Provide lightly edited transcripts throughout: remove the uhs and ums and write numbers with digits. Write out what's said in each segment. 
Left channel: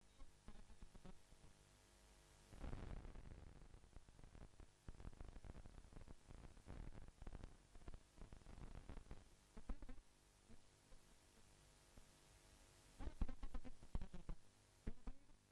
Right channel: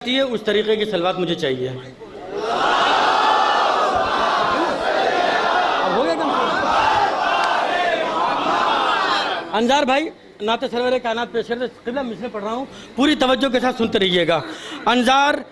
है उस तरीके की सलवात मुझे चाहिए। अब हो गया क्या? अंजार भाई नाते सरवर कायनात पेश करते किबला मिसरे पढ़ रहा हूँ, पूरी तवज्जो के साथ सुनते रहिएगा। अंजार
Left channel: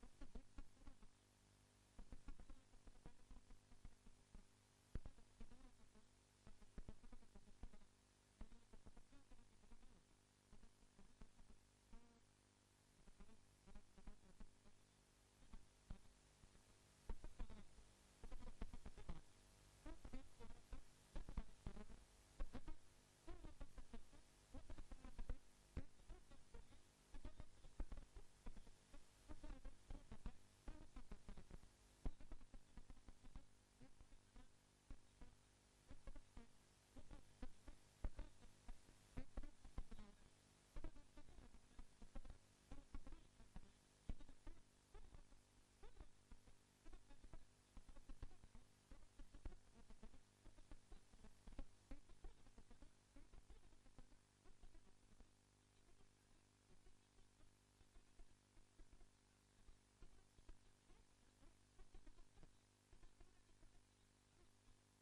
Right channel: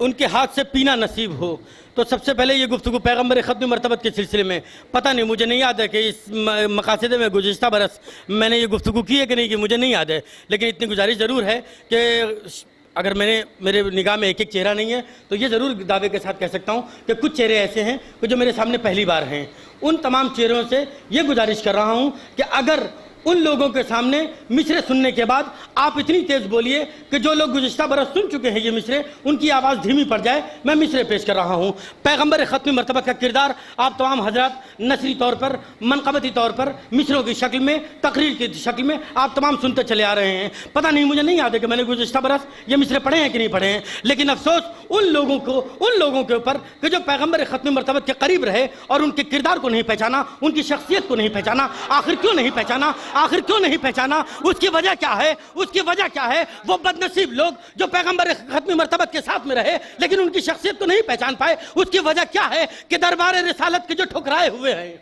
उनके हाथ से पीना नसीब हो। तो सबसे पहले ये गुफ्तगू पैगम्बर ख़त्म मरतबत के सिलसिले में, पता नहीं मुझे नहीं याद है कि इस मकासदे में गुज़िश्ता बरस मैंने ये गुफ्तगू की है कि नहीं की, मुझे नहीं याद है, लेकिन इतनी गुजारिश ज़रूर है कि अगर मेरे निगाह में एक एक चेहरा नहीं है तो ये ज़रूर दावे के साथ कह सकता हूँ कि कुछ चेहरे ऐसे हैं कि जो मेरे सामने पहली बार हैं। उन तमाम चेहरों से ये गुजारिश कर रहा हूँ कि अगर उन लोगों के सामने मिसरे सुनने के बाद आप इतनी तेज़ बोलिए कि जो लोग गुज़िश्ता बरस सुन चुके हैं ये मिसरे, उनकी आवाज़ धीमी पड़ जाए। मैं मिसरे पेश कर रहा हूँ। पैगम्बर ख़त्म मरतबत का किरदार आप तमाम हजरात नसरी तौर पर, मनक़बती तौर पर, मिसरों की शक्ल में, तकरीर की शक्ल में आप तमाम सुनते चले आ रहे हैं। पता नहीं मुझे नहीं याद है कि मैंने गुज़िश्ता बरस ये मिसरे पढ़े हैं कि नहीं पढ़े हैं, लेकिन अफसोस उन लोगों के ऊपर कि जो पैगम्बर ख़त्म मरतबत के करीब रहे और उनके किरदार को नहीं पहचाना, उनकी शख्सियत को नहीं पहचाना। आखिर क्यों नहीं पहचाना? आखिर क्यों नहीं पहचाना? उसकी वजह क्या है? उसकी वजह क्या है? वो बदनसीब लोग जो पैगंबर ख़त्म मरतबत के साथ में रहे लेकिन उनकी शख्सियत को नहीं पहचान पाए, उसकी वजह क्या है कि दरबार रिसालत के जो ठुकराए हुए हैं।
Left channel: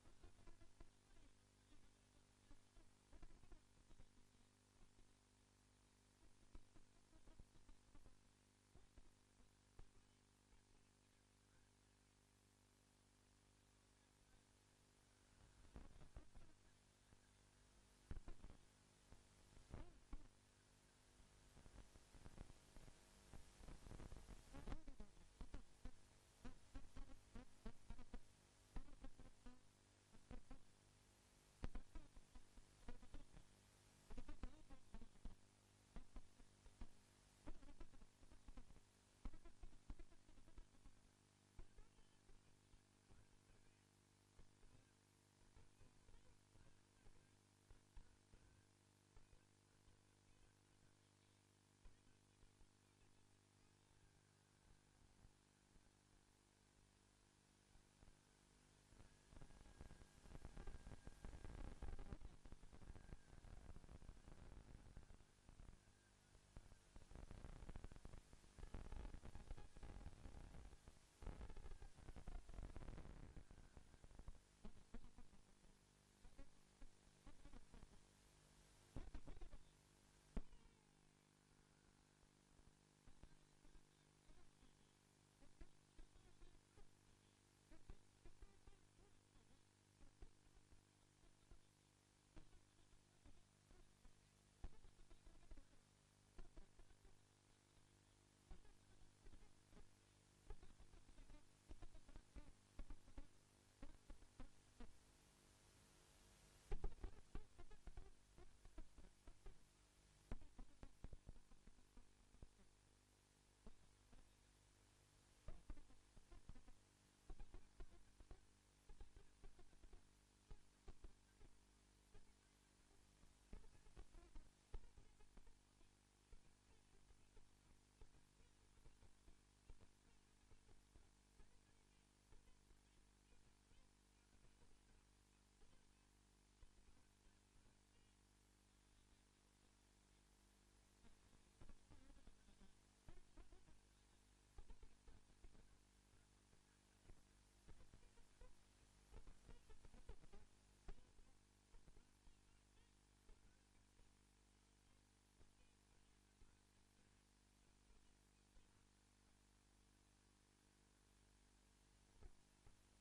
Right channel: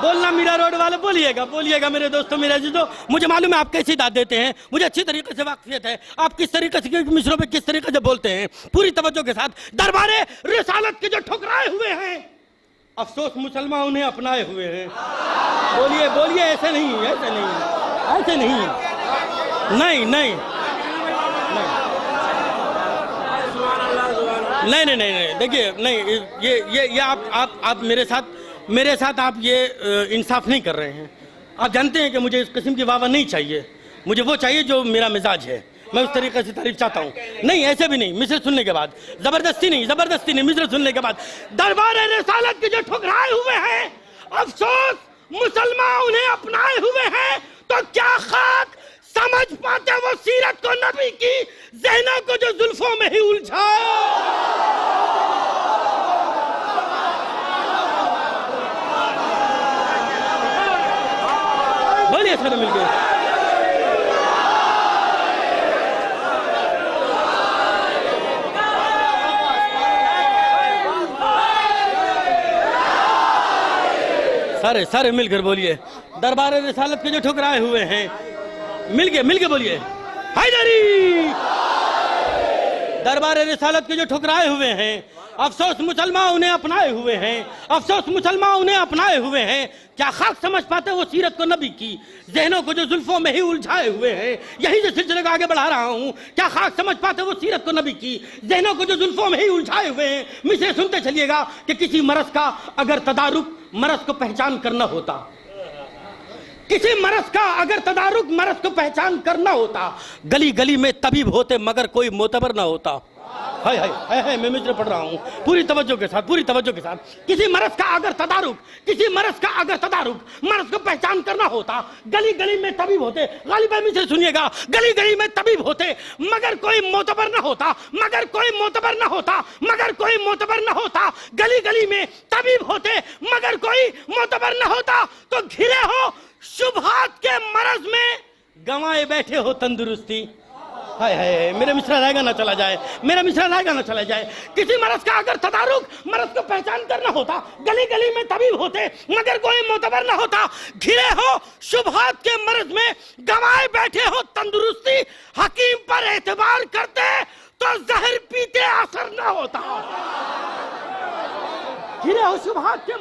बोलना मीरा रोड वाले, बोलिएगा मेरे दोस्तों, मेरे अजीजों, मुझे मालूम है आप कैसी दाद देते हैं, मुझे अच्छी तरीके से वाकफियत है आप किस तरीके से मिसरों पे किस तरीके से बोलते हैं। पूरी तवज्जो के साथ दरबार रिसालत के जो ठुकराए हुए हैं, अफसोस मुसलमान उन्हें अपनाए हुए हैं। बोलिए ऐसे नहीं देखिए, नहीं ये आप मेरे साथ आप ये इंसाफ नहीं कर रहे हैं। आप जानते हैं कि मुझे इस किस्म की वाह नहीं चाहिए, मुझे वो चाहिए जो मेरा मिजाज है। मैं उस तरीके से तारीफ चाहता हूँ, नहीं ऐसे भी नहीं, मिसरे सुनने के बाद जबरदस्ती नहीं, मिसरे सुनने के बाद दरबार रिसालत के जो ठुकराए हुए हैं, अफसोस मुसलमान उन्हें अपनाए हुए हैं। तो क्या खाक समझ पाते वो सीरत को नबी की, ज़हनों को जो जुल्फों में ही उलझाए। बोलिए सारे मिलकर। सारे मिलकर बोलिए, दरबार रिसालत के जो ठुकराए हुए हैं, मिलके बोलिए, हैदरी। दरबार रिसालत के जो ठुकराए हुए हैं, अफसोस मुसलमान उन्हें अपनाए हुए हैं। क्या खाक समझ पाते वो सीरत को नबी की, ज़हनों को जो जुल्फों में ही उलझाए हुए हैं। यही जो सिलसिले को आगे बढ़ा रहा हूँ, क्या खाक समझ पाते वो सीरत को नबी की, ज़हनों को जो जुल्फों में ही उलझाए हुए हैं। मिसरे सुनते चलिएगा कि किसी मरज़ का अगर तदारुक मरज़ को पहचान करना होता, किसी मरज़ का अगर तदारुक मरज़ को पहचान करना होता, गली गली में तबीब होते मगर कोई मोतबर ना होता। हाय मैं मिसरे पढ़ रहा हूँ, पूरी तवज्जो के साथ। किसी मरज़ का अगर तदारुक मरज़ को पहचान करना होता, गली गली में तबीब होते। गालिब भाई मिसरे सुनिएगा, गली गली में तबीब होते मगर कोई मोतबर ना होता। गली गली में तबीब होते मगर कोई मोतबर ना होता। तो घिरे हो शुबहात के मरज़ में, गंवाए बैठे हो तंदुरुस्ती। हाय मेरा मिसरा रहेगा ना चला जाए। किसी मरज़ का अगर तदारुक मरज़ को पहचान करना होता, गली गली में तबीब होते मगर कोई मोतबर ना होता। घिरे हो शुबहात के मरज़ में, गंवाए बैठे हो तंदुरुस्ती। हकीम पर एतबार करते तो जहर पीते असर ना होता। गिरे हो शुबहात के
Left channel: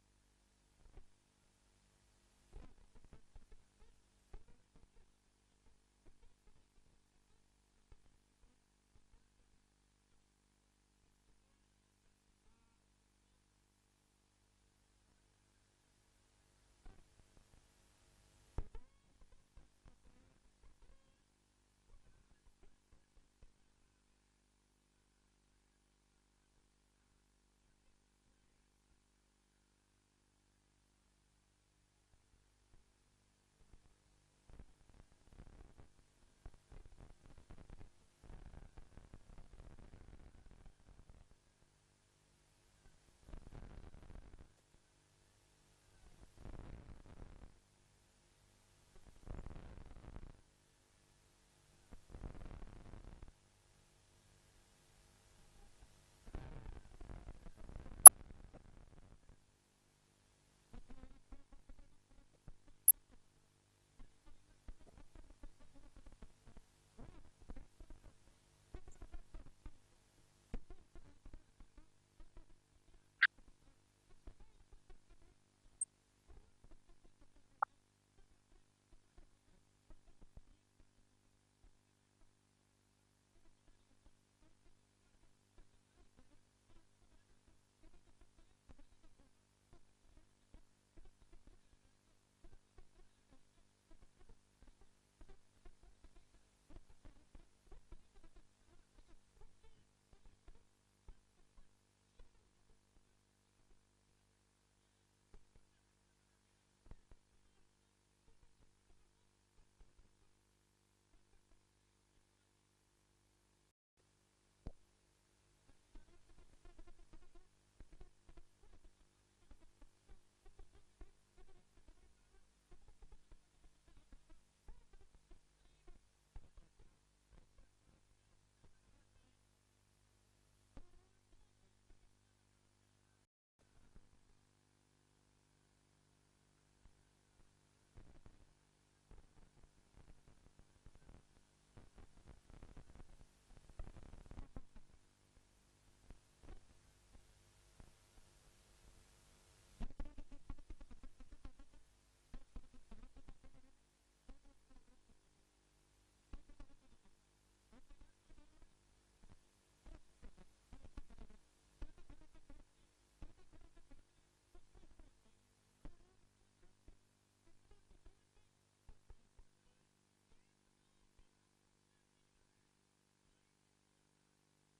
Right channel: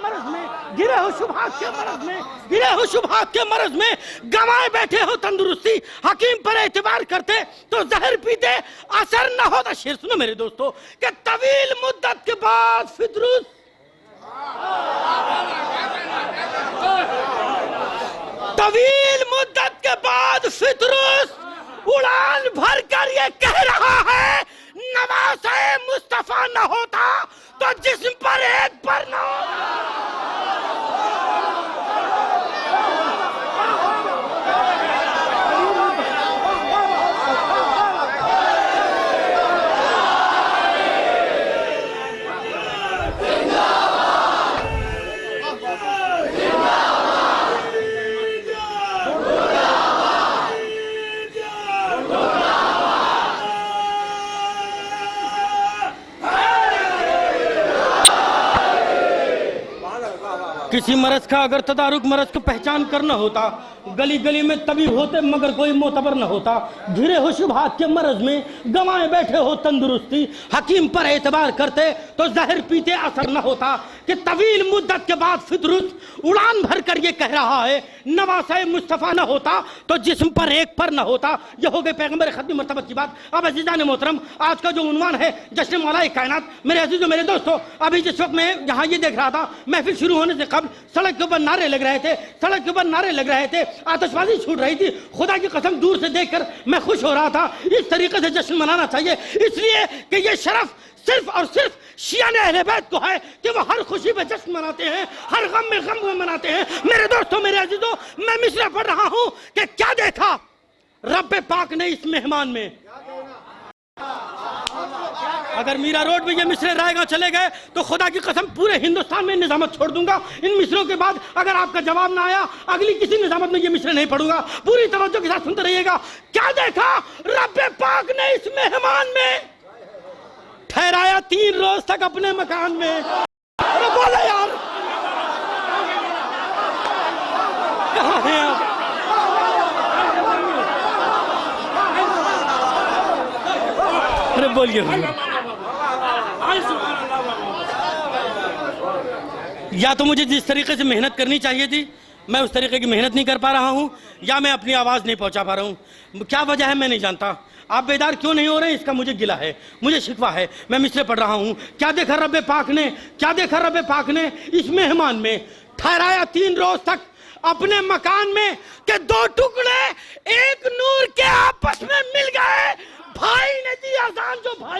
मरज़ में, गंवाए बैठे हो तंदुरुस्ती। हकीम पर एतबार करते तो जहर पीते असर न होता। शेर सुनो मेरे दोस्तों कि तवील मुद्दत के बाद फितरुस उड़ान भर कर ये कह रहा है, नवाज़े मुस्तफा न होता तो जिस्म पर एक पर न होता। किसी मरज का अगर तदारुक मरज को पहचान करना होता, गली गली में तबीब होते मगर कोई मोतबर न होता। घिरे हो शुभात के मरज में, गंवाए बैठे हो तंदुरुस्ती, हकीम पर एतबार करते तो जहर पीते असर न होता। कि तवील मुद्दत के बाद फितरुस उड़ान भर कर ये कह रहा है, नवासे मुस्तफ़ा न होता तो जिस्म पर एक पर न होता। ये हो गई पैगंबर खत्मी मर्तबत की बात। अब अज़ीज़ान मोहतरम, आज का जो उन्वान है जश्न मौलाए कायनात, मेरे अजीजों मेरे दोस्तों, अभी जिस वक्त मैं यहाँ ये देख रहा था, महफिल शुरू होने से कबल सड़क के ऊपर नारे लग रहे थे, सड़क के ऊपर नारे लग रहे थे, आतिशबाजी छूट रही थी। खुदा की कसम दूर से देखकर मैं खुश हो रहा था। इस तरीके से जश्न मनाना चाहिए, इसलिए कि ये शरफ सिर्फ और सिर्फ शिया ने अहले बैत को है कि वो हर खुशी में जश्न मनाते हैं, हर गम में गम मनाते हैं। मेरे दोस्तों मेरे अजीजों, मैं मिसरा पढ़ रहा हूं कि क्या देखा रब्बे पाक ने इस मेहमान में। अगर मीरा रोड में ये मिसरे रायगा चले गए तो खुदा की कसम पूरे हिंदुस्तान में निजामत छोड़ दूंगा। इन मिसरों के बाद अगर आपका जवाब ना आया, अगली किसी निजामत में ये मिसरे नहीं पढ़ूंगा। पूरी तवज्जो के साथ सुनते रहिएगा। क्या देखा रब्बे पाक ने इस मेहमान में, ठहराया 3 रोज तक अपने मकान में। अरे बोले यार, कहाँ हैं आप? अरे बोलिए। या तो मुझे जिस तरीके से मेहनत करनी चाहिए थी मैं उस तरीके की मेहनत नहीं कर पा रहा हूं, या मैं अपनी आवाज नहीं पहुंचा पा रहा हूं। क्या वजह है मैं नहीं जानता। आप बेदार क्यों नहीं हो रहे इसका मुझे गिला है, मुझे शिकवा है। मैं मिसरे पढ़ रहा हूं। क्या देखा रब्बे पाक ने, क्या देखा रब्बे पाक ने इस मेहमान में, ठहराया 3 रोज तक अपने मकान में कि 2 टुकड़े एक नूर के आपस में मिल गए। भाई ने दी अजान जो भाई